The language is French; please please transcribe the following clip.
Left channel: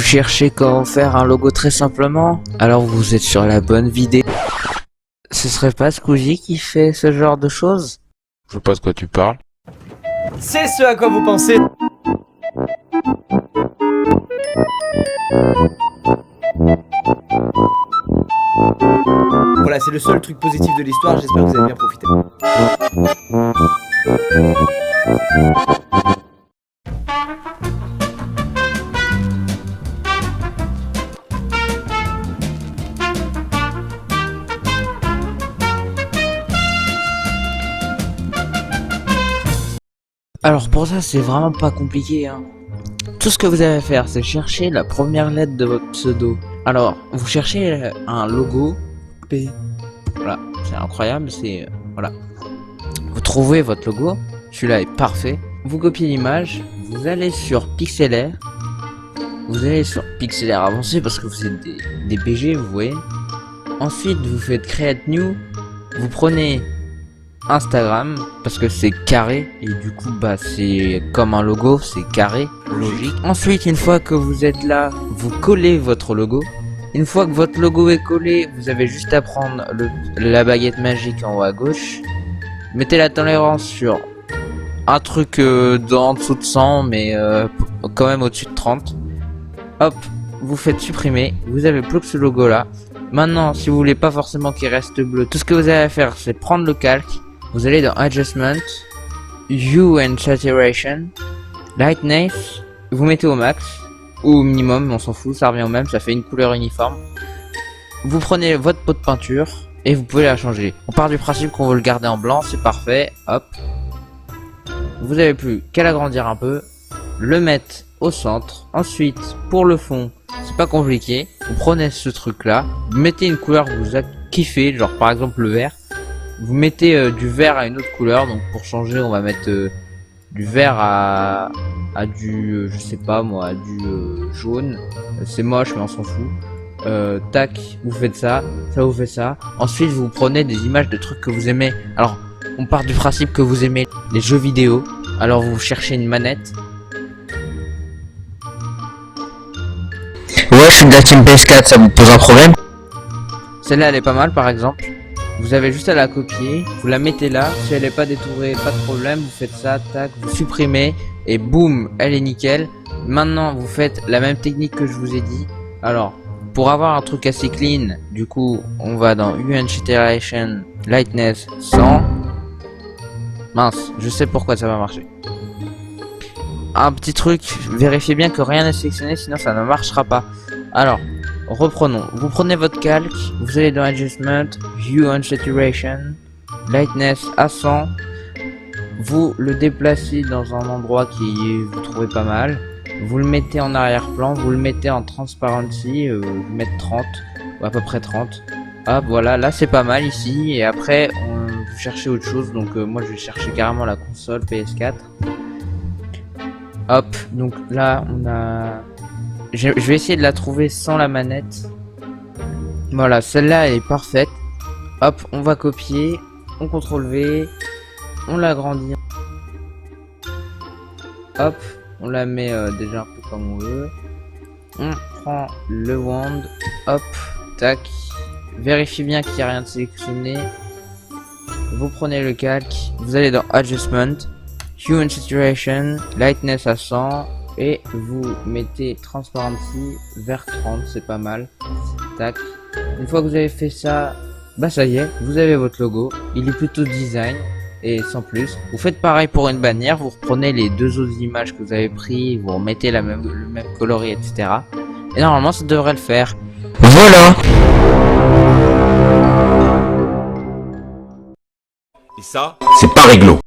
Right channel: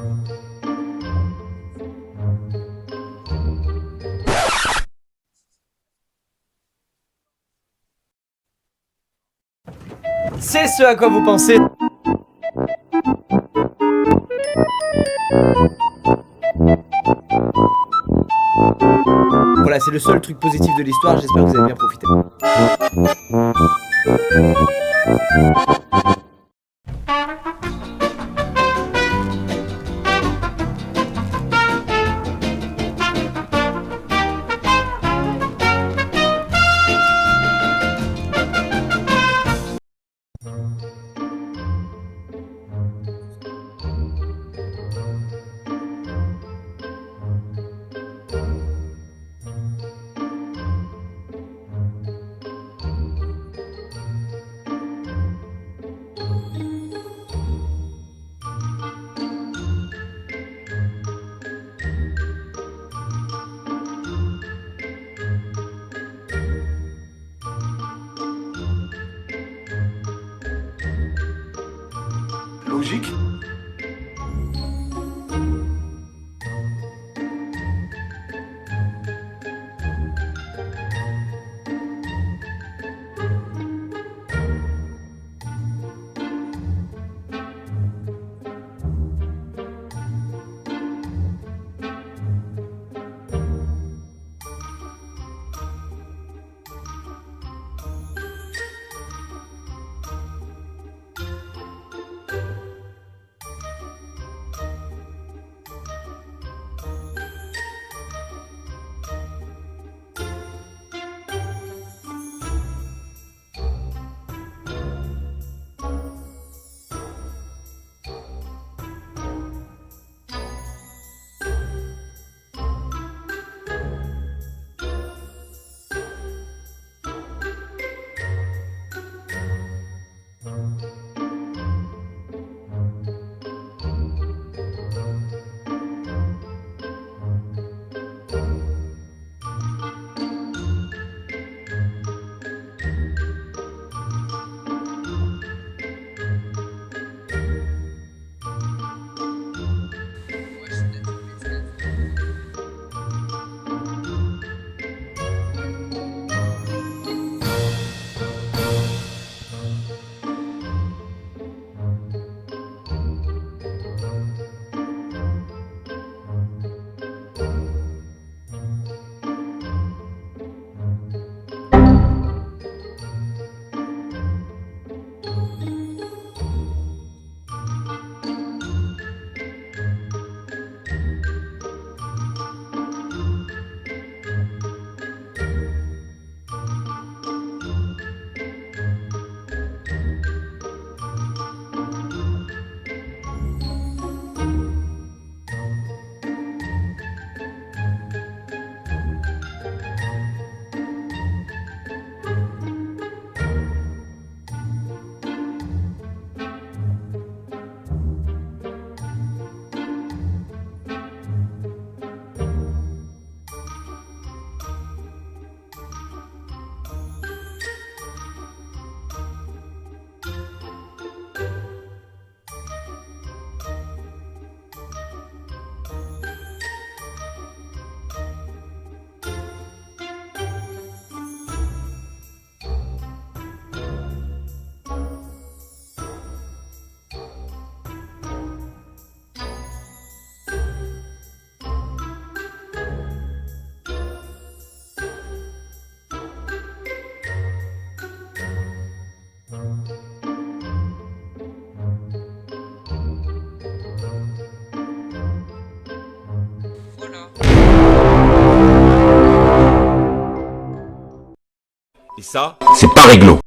Vous cherchez comment faire un logo très simplement? Alors vous êtes sur la bonne vidéo. Ce serait pas Squeezie qui fait ce genre de choses? Je sais pas de quoi tu parles. C'est ce à quoi vous pensez. Voilà, c'est le seul truc positif de l'histoire, j'espère que vous avez bien profité. Alors pour ça c'est vraiment pas compliqué hein. Tout ce que vous avez à faire c'est chercher la première lettre de votre pseudo. Alors vous cherchez un logo P. Voilà, c'est incroyable, c'est voilà. Vous trouvez votre logo, celui-là est parfait. Vous copiez l'image, vous allez sur Pixelaire. Vous allez sur Pixelaire avancé parce que vous êtes des PG, vous voyez. Ensuite vous faites Create New. Vous prenez Instagram parce que c'est carré et du coup bah c'est comme un logo, c'est carré, logique. Ensuite une fois que vous êtes là, vous collez votre logo. Une fois que votre logo est collé, vous avez juste à prendre la baguette magique en haut à gauche. Mettez la tolérance sur un truc en dessous de 100 mais quand même au-dessus de 30. Hop, vous faites supprimer, vous avez plus que ce logo là. Maintenant si vous voulez pas forcément qu'il reste bleu, tout ce que vous avez à faire c'est prendre le calque. Vous allez dans Adjustment, Hue and Saturation, Lightness, vous mettez au max, ou au minimum, on s'en fout, ça revient au même, ça fait une couleur uniforme. Vous prenez votre pot de peinture, et vous pouvez la changer. On part du principe qu'on veut le garder en blanc, c'est parfait, hop. Vous avez plus qu'à l'agrandir un peu, le mettre au centre. Ensuite, pour le fond, c'est pas compliqué, vous prenez ce truc là, vous mettez une couleur que vous avez kiffé, genre par exemple le vert. Vous mettez du vert à une autre couleur, donc pour changer on va mettre du vert à du je sais pas moi, à du jaune. C'est moche mais on s'en fout. Tac, vous faites ça, ça vous fait ça. Ensuite vous prenez des images de trucs que vous aimez. Alors on part du principe que vous aimez les jeux vidéo. Alors vous cherchez une manette. Ouais, je suis de la team PS4, ça vous pose un problème? Celle-là elle est pas mal par exemple. Vous avez juste à la copier, vous la mettez là, si elle n'est pas détourée, pas de problème, vous faites ça, tac, vous supprimez, et boum, elle est nickel. Maintenant, vous faites la même technique que je vous ai dit. Alors, pour avoir un truc assez clean, du coup, on va dans Hue and Saturation, Lightness, 100. Mince, je sais pourquoi ça va marcher. Un petit truc, vérifiez bien que rien n'est sélectionné, sinon ça ne marchera pas. Alors, reprenons, vous prenez votre calque, vous allez dans Adjustment, Hue and Saturation, Lightness à 100, vous le déplacez dans un endroit qui vous trouvez pas mal, vous le mettez en arrière-plan, vous le mettez en Transparency, vous mettez 30, ou à peu près 30, hop voilà, là c'est pas mal ici, et après vous cherchez autre chose, donc moi je vais chercher carrément la console PS4, hop, donc là on a... Je vais essayer de la trouver sans la manette. Voilà, celle-là elle est parfaite. Hop, on va copier, on CTRL V, on l'agrandit. Hop, on la met déjà un peu comme on veut. On prend le wand, hop, tac. Vérifiez bien qu'il n'y a rien de sélectionné. Vous prenez le calque, vous allez dans Adjustment, Hue and Saturation, Lightness à 100. Et vous mettez Transparency vers 30, c'est pas mal. Tac. Une fois que vous avez fait ça, bah ça y est, vous avez votre logo. Il est plutôt design et sans plus. Vous faites pareil pour une bannière, vous reprenez les deux autres images que vous avez pris, vous remettez le même coloris, etc. Et normalement ça devrait le faire. Voilà. Et ça, C'est pas réglo.